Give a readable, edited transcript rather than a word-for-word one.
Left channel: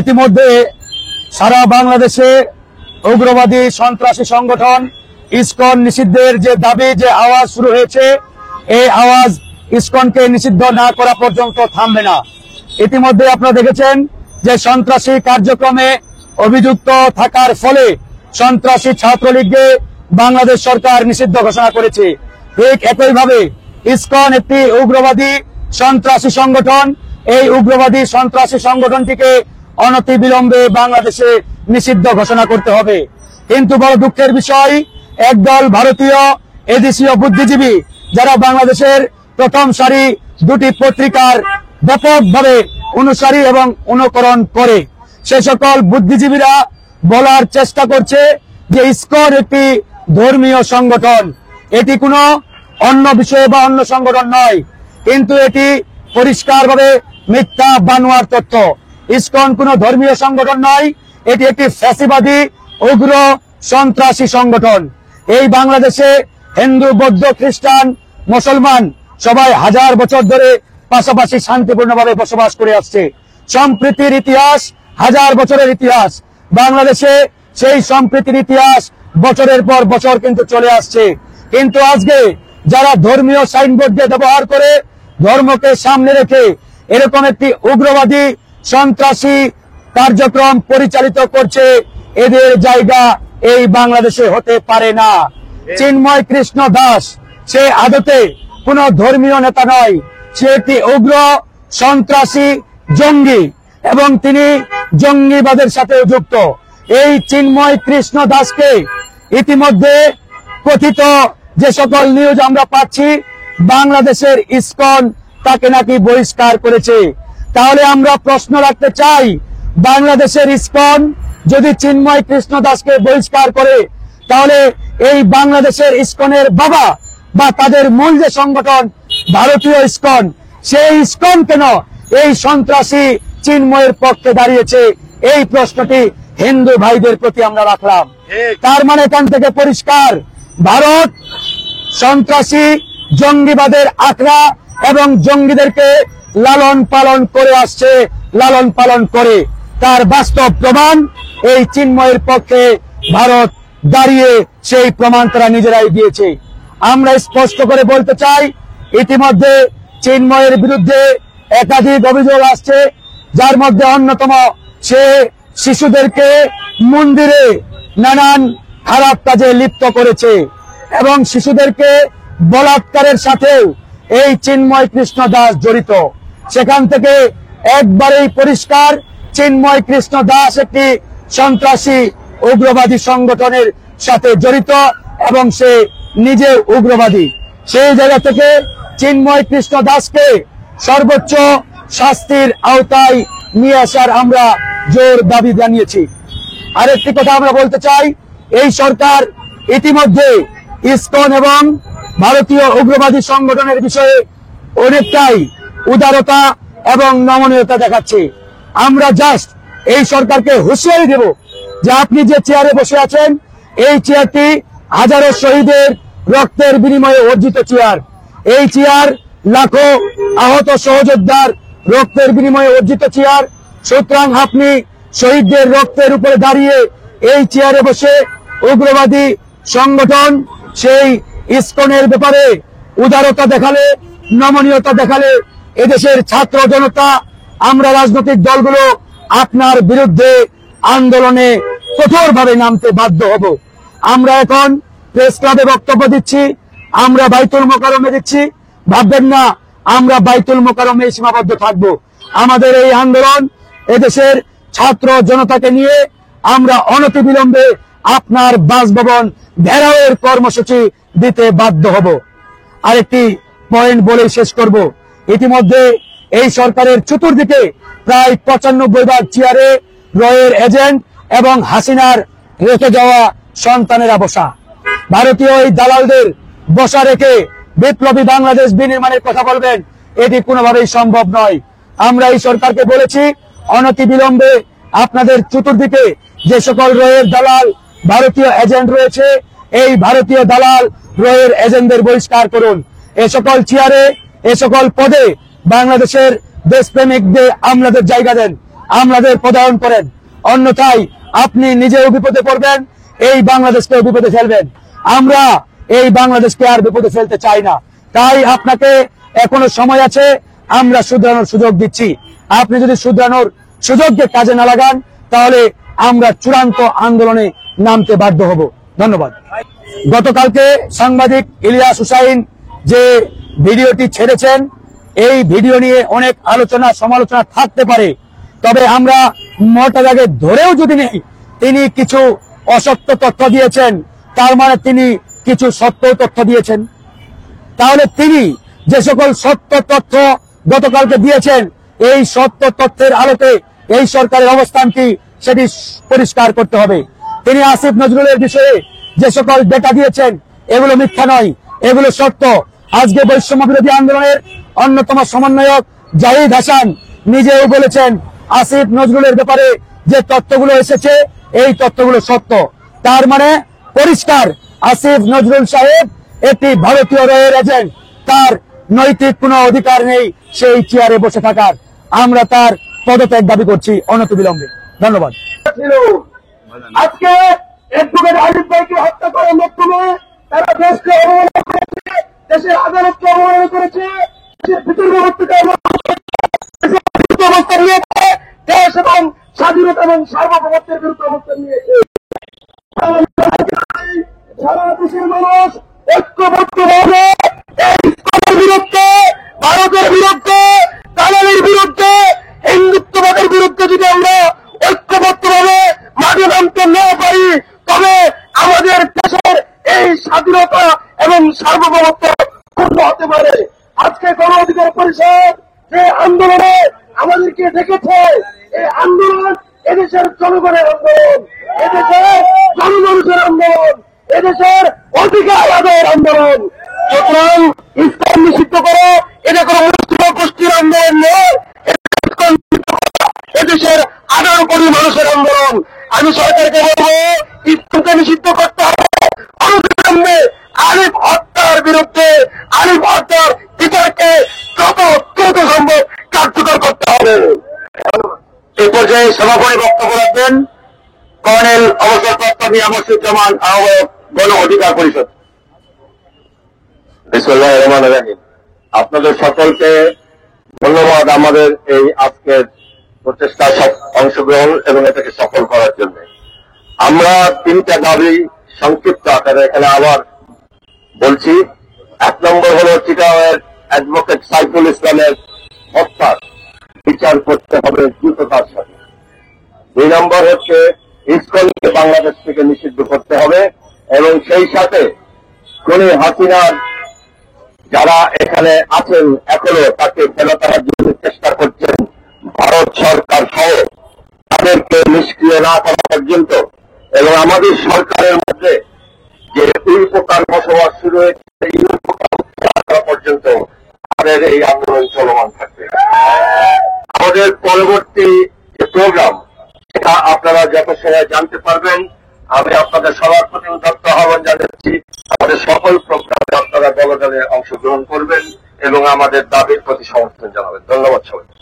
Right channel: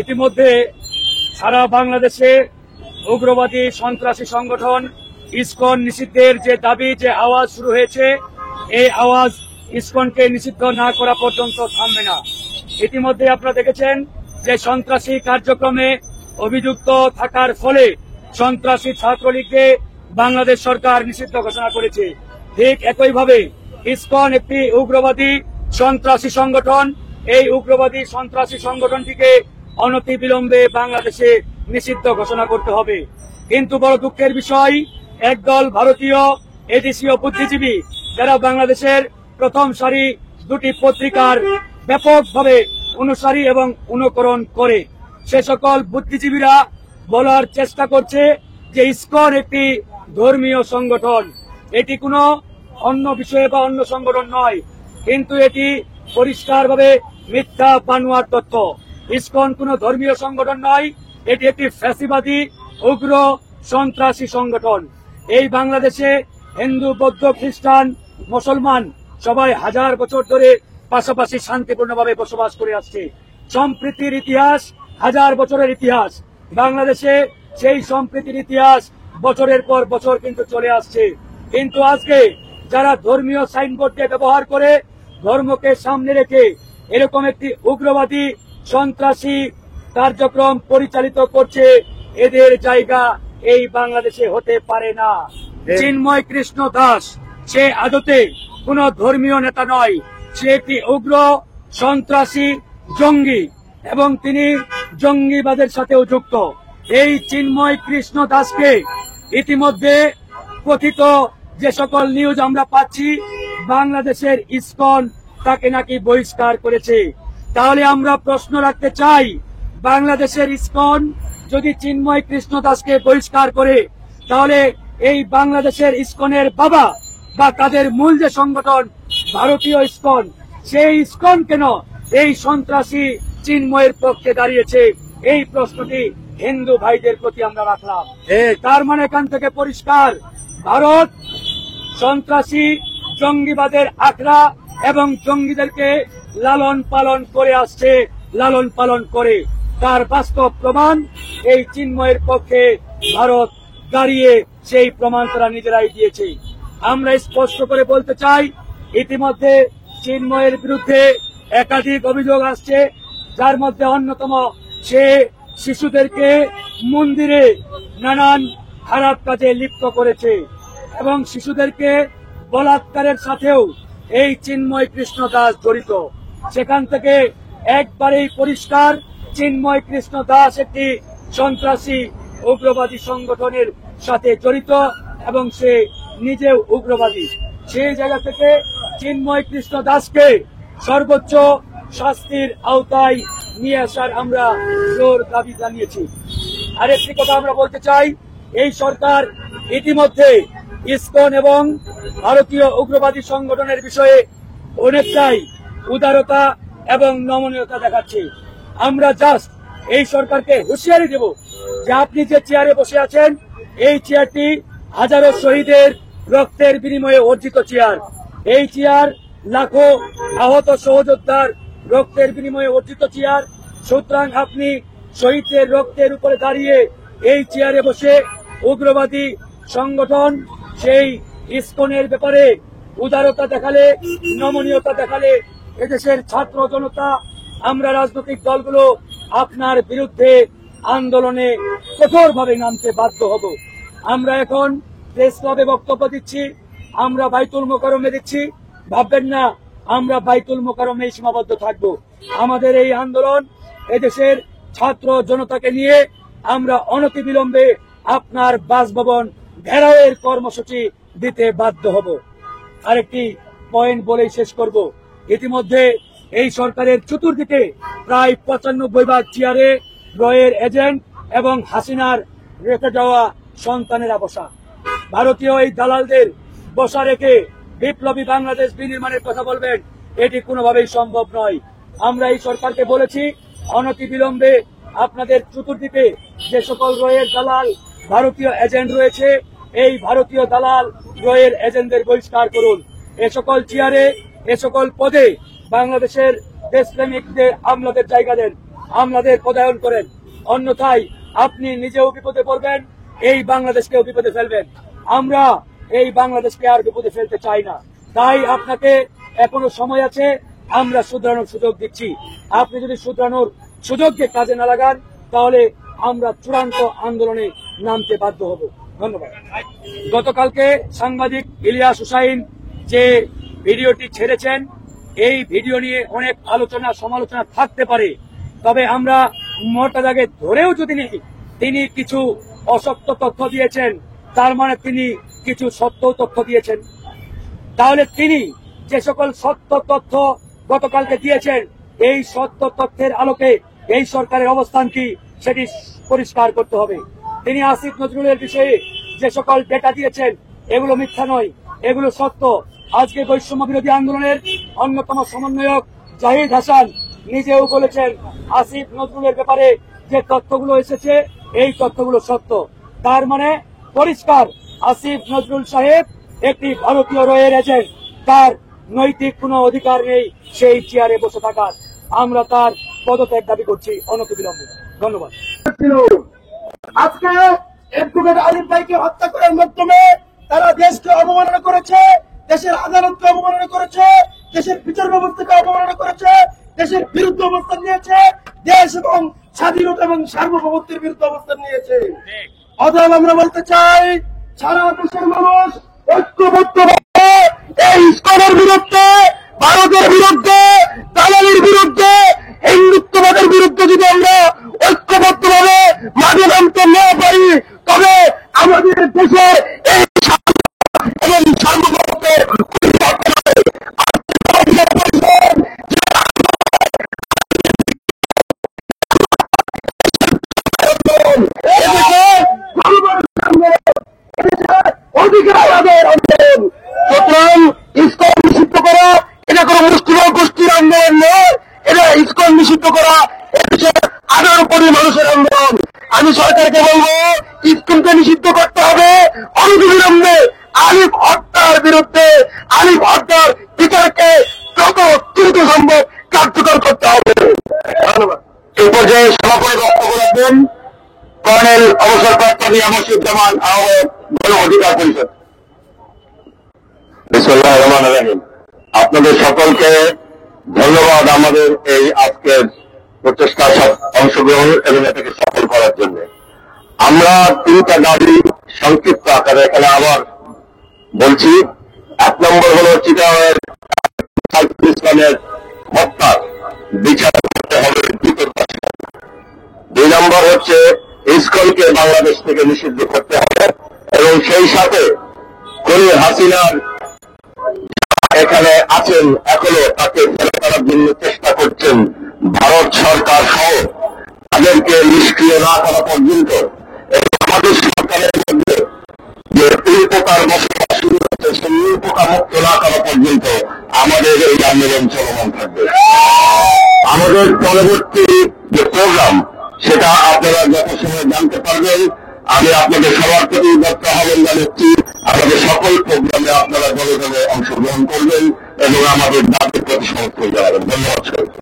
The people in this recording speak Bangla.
ইতিমধ্যে সারা বাংলাদেশে উগ্রবাদী সন্ত্রাসী সংগঠন ইসকন নিষিদ্ধের যে দাবি, যে আওয়াজ শুরু হয়েছে, এই আওয়াজ ইসকনকে নিষিদ্ধ না করা পর্যন্ত থামবে না। ইতিমধ্যে আপনারা দেখেছেন যে সন্ত্রাসী কার্যক্রমে অভিযুক্ত থাকার ফলে সন্ত্রাসী ছাত্রলীগকে বাংলাদেশ সরকার নিষিদ্ধ ঘোষণা করেছে। ঠিক একইভাবে ইসকন একটি উগ্রবাদী সন্ত্রাসী সংগঠন। এই উগ্রবাদী সন্ত্রাসী সংগঠনটিকে অনতিবিলম্বে বাংলাদেশে নিষিদ্ধ ঘোষণা করতে হবে। কিন্তু বড় দুঃখের বিষয়, একদল ভারতীয় এদেশীয় বুদ্ধিজীবী যারা বাংলাদেশের প্রথম সারি দুটি পত্রিকার ব্যাপকভাবে অনুসারী এবং অনুকরণ করে, সে সকল বুদ্ধিজীবীরা বলার চেষ্টা করছে যে ইসকন একটি ধর্মীয় সংগঠন, এটি কোনো অন্য বিষয় বা অন্য সংগঠন নয়। কিন্তু এটি পরিষ্কারভাবে মিথ্যা বানোয়ার তথ্য। ইসকন কোনো ধর্মীয় সংগঠন নয়, এটি একটি ফ্যাসিবাদী উগ্র সন্ত্রাসী সংগঠন। এই বাংলাদেশে হিন্দু, বৌদ্ধ, খ্রিস্টান, মুসলমান সবাই হাজার বছর ধরে পাশাপাশি শান্তিপূর্ণভাবে বসবাস করে আসছে। সম্প্রীতির ইতিহাস, হাজার বছরের ইতিহাস। বাংলাদেশে সেই সম্প্রীতির ইতিহাস বছরের পর বছর কিন্তু চলে আসছে। কিন্তু আজকে যারা ধর্মীয় সাইনবোর্ড দিয়ে ব্যবহার করে, ধর্মকে সামনে রেখে এরকম একটি উগ্রবাদী সন্ত্রাসী কার্যক্রম পরিচালিত করছে, এদের জায়গা এই বাংলাদেশে হতে পারে না। চিন্ময় কৃষ্ণ দাস সে আদতে কোন ধর্মীয় নেতা নয়, সে একটি উগ্র সন্ত্রাসী জঙ্গি এবং তিনি জঙ্গিবাদের সাথে যুক্ত। এই চিন্ময় কৃষ্ণ দাসকে ইতিমধ্যে কথিত যে সকল নিউজ আমরা পাচ্ছি, বাংলাদেশের ইসকন তাকে নাকি বহিষ্কার করেছে। তাহলে আমরা প্রশ্ন রাখতে চাই, বাংলাদেশের ইসকন যদি চিন্ময় কৃষ্ণ দাসকে বহিষ্কার করে, তাহলে এই বাংলাদেশের ইসকনের বাবা বা তাদের মূল যে সংগঠন ভারতীয় ইসকন, সেই ইসকন কেন এই সন্ত্রাসী চিন্ময়ের পক্ষে দাঁড়িয়েছে? এই প্রশ্নটি হিন্দু ভাইদের প্রতি আমরা রাখলাম। তার মানে এখান থেকে পরিষ্কার, ভারত সন্ত্রাসী জঙ্গিবাদের আখড়া এবং জঙ্গিদেরকে লালন পালন করে আসছে, লালন পালন করে। তার বাস্তব প্রমাণ এই চিন্ময়ের পক্ষে ভারত দাঁড়িয়ে সেই প্রমাণ তারা নিজেরাই দিয়েছে। আমরা স্পষ্ট করে বলতে চাই, ইতিমধ্যে চিন্ময়ের বিরুদ্ধে একাধিক অভিযোগ আসছে, যার মধ্যে অন্যতম সে শিশুদেরকে মন্দিরে নানান খারাপ কাজে লিপ্ত করেছে এবং শিশুদেরকে বলাৎকারের সাথেও এই চিন্ময় কৃষ্ণ দাস জড়িত। সেখান থেকে একবারেই পরিষ্কার, চিন্ময় কৃষ্ণ দাস একটি সন্ত্রাসী উগ্রবাদী সংগঠনের সাথে জড়িত এবং সে নিজে উগ্রবাদী। সেই জায়গা থেকে চিন্ময় কৃষ্ণ দাসকে সর্বোচ্চ শাস্তির আওতায় নিয়ে আসার আমরা জোর দাবি জানিয়েছি। আরেকটি কথা আমরা বলতে চাই, এই সরকার ইতিমধ্যে ইসকন এবং ভারতীয় উগ্রবাদী সংগঠনের বিষয়ে অনেকটাই উদারতা এবং নমনীয়তা দেখাচ্ছে। আমরা জাস্ট এই সরকারকে হুঁশিয়ারি দেব যে আপনি যে চেয়ারে বসে আছেন, এই চেয়ারটি হাজারো শহীদের রক্তের বিনিময়ে অর্জিত চেয়ার। এই চেয়ার লাখো আহত সহযোদ্ধার রক্তের বিনিময়ে অর্জিত চেয়ার। সুতরাং আপনি শহীদদের রক্তের উপরে দাঁড়িয়ে এই চেয়ারে বসে উগ্রবাদী সংগঠন সেই ইসকনের ব্যাপারে উদারতা দেখালে, নমনীয়তা দেখালে, এদেশের ছাত্র জনতা, আমরা রাজনৈতিক দলগুলো আপনার বিরুদ্ধে আন্দোলনে কঠোরভাবে নামতে বাধ্য হব। আমরা এখন প্রেস ক্লাবে বক্তব্য দিচ্ছি, আমরা বাইতুল মোকাররমে দিচ্ছি। ভাববেন না আমরা বাইতুল মোকাররমে সীমাবদ্ধ থাকবো। আমাদের এই আন্দোলন এদেশের ছাত্র জনতাকে নিয়ে আমরা অনতিবিলম্বে আপনার বাসভবন ঘেরাওয়ের কর্মসূচি দিতে বাধ্য হব। আরেকটি পয়েন্ট বলে শেষ করব, ইতিমধ্যে এই সরকারের চতুর্দিকে প্রায় 95 ভাগ চেয়ারে রয়ের এজেন্ট এবং হাসিনার রেখে যাওয়া সন্তানেরা বসা। ভারতীয় এই দালালদের বসা রেখে বিপ্লবী বাংলাদেশ বিনির্মাণের কথা বলবেন, এটি কোনোভাবেই সম্ভব নয়। আমরা এই সরকারকে বলেছি, অনতিবিলম্বে আপনাদের চতুর্দিকে যে সকল রয়ের দালাল ভারতীয় এজেন্ট রয়েছে, এই ভারতীয় দালাল রয়ের এজেন্টদের বহিষ্কার করুন। এ সকল চেয়ারে, এ সকল পদে বাংলাদেশের দেশপ্রেমিকদের আমলাদের জায়গা দেন। আমাদের পদায়ন করেন, অন্যথায় আপনি নিজেও বিপদে পড়বেন, এই বাংলাদেশকেও বিপদে ফেলবেন। আমরা এই বাংলাদেশকে আর বিপদে ফেলতে চাই না। তাই আপনাকে এখনো সময় আছে, আমরা শুধরানোর সুযোগ দিচ্ছি। আপনি যদি শুধরানোর সুযোগকে কাজে না লাগান, তাহলে আমরা চূড়ান্ত আন্দোলনে নামতে বাধ্য হব। ধন্যবাদ। গতকালকে সাংবাদিক ইলিয়াস হুসাইন যে ভিডিওটি ছেড়েছেন, এই ভিডিও নিয়ে অনেক আলোচনা সমালোচনা থাকতে পারে, তবে আমরা মোটাদাগে ধরেও যদি নেই তিনি কিছু অসত্য তথ্য দিয়েছেন, তার মানে তিনি কিছু সত্য তথ্য দিয়েছেন। তাহলে তিনি যে সকল সত্য তথ্য গতকালকে দিয়েছেন, এই সত্য তথ্যের আলোকে এই সরকারের অবস্থান কি সেটি পরিষ্কার করতে হবে। তিনি আসিফ নজরুলের বিষয়ে যে সকল ডেটা দিয়েছেন, এগুলো মিথ্যা নয়, এগুলো সত্য। আজকে বৈষম্য বিরোধী আন্দোলনের অন্যতম সমন্বয়ক জাহিদ হাসান নিজেও বলেছেন, আসিফ নজরুলের ব্যাপারে যে তথ্যগুলো এসেছে এই তথ্যগুলো সত্য। তার মানে পরিষ্কার, আসিফ নজরুল সাহেব একটি ভারতীয় রয়ের এজেন্ট, তার নৈতিক কোনো অধিকার নেই সেই চেয়ারে বসে থাকার। আমরা তার পদত্যাগ দাবি করছি অনতিবিলম্বে। ধন্যবাদ। আজকে অ্যাডভোকেট আজিজ ভাইকে হত্যা করার মাধ্যমে তারা দেশকে অবমাননা করেছে, দেশের আদালতকে অবমাননা করেছে, দেশের বিচার ব্যবস্থাকে অবমাননা করেছে, দেশের বিরুদ্ধে অবস্থান নিয়েছে, দেশ এবং স্বাধীনতা এবং সার্বভৌমত্বের বিরুদ্ধে অবস্থান নিয়েছে। অতএব আমরা বলতে চাই, সারা দেশের মানুষ ঐক্যবদ্ধভাবে এই ইসকনের বিরুদ্ধে, ভারতের বিরুদ্ধে, দালালির বিরুদ্ধে, হিন্দুত্ববাদের বিরুদ্ধে যদি আমরা ঐক্যবদ্ধভাবে মাঠে নামতে না পারি, তবে আমাদের দেশের এই স্বাধীনতা এবং সার্বভৌমত্বের ক্ষুণ্ণ হতে পারে। আজকে গণ অধিকার পরিষদ যে আন্দোলনে আমাদেরকে দেখেছে, এই আন্দোলন এদেশের জনগণের আন্দোলন, এদেশের জনগণের আন্দোলন, এদেশের অধিকার আদায়ের আন্দোলন। সুতরাং ইসকন নিষিদ্ধ করা এটা কোনো মুসলিম গোষ্ঠীর আন্দোলন নয়, এটা ইসকন নিষিদ্ধ করা এদেশের 18 কোটি মানুষের আন্দোলন। আমি সরকারকে বলবো, ইসকনকে নিষিদ্ধ করতে হবে অনতিবিলম্বে। আলিফ হত্যার বিরুদ্ধে, আলিফ হত্যার বিচারকে দ্রুত সম্ভব কার্যকর করতে হবে। ধন্যবাদ। এ পর্যায়ে সভাপতি বক্তব্য রাখবেন কর্নেল অবসরপ্রাপ্ত মিয়া মসিউজ্জামান আহ্বায়ক, গণ অধিকার পরিষদ। বিসমিল্লাহির রহমানির রহিম। আপনাদের সকলকে ধন্যবাদ আমাদের এই আজকের প্রচেষ্টায় অংশগ্রহণ এবং এটাকে সফল করার জন্য। আমরা 3টা দাবি সংক্ষিপ্ত আকারে এখানে আবার বলছি। 1 নম্বর হল চিটাগাংয়ের অ্যাডভোকেট সাইফুল ইসলামের হত্যা বিচার করতে হবে দ্রুততার সাথে। 2 নম্বর হচ্ছে ইসকনকে বাংলাদেশ থেকে নিষিদ্ধ করতে হবে এবং সেই সাথে খুনি হাসিনার যারা এখানে আছেন এখনো তাকে ফেলে তারা জন্য চেষ্টা করছেন ভারত সরকার সহ, তাদেরকে নিষ্ক্রিয় না করা পর্যন্ত এবং আমাদের সরকারের মধ্যে যে উল্পোকার বসবাস শুরু হয়েছে সেই উল্পোকা মুক্ত না করা পর্যন্ত আমাদের এই আন্দোলন চলমান থাকবে। আমাদের পরবর্তী যে প্রোগ্রাম সেটা আপনারা যত সময় জানতে পারবেন। আমি আপনাদের সবার প্রতি উদ্যত আহ্বান জানাচ্ছি, আমাদের সকল প্রোগ্রামে আপনারা দলে দলে অংশগ্রহণ করবেন এবং আমাদের দাবির প্রতি সমর্থন জানাবেন। ধন্যবাদ সবাইকে।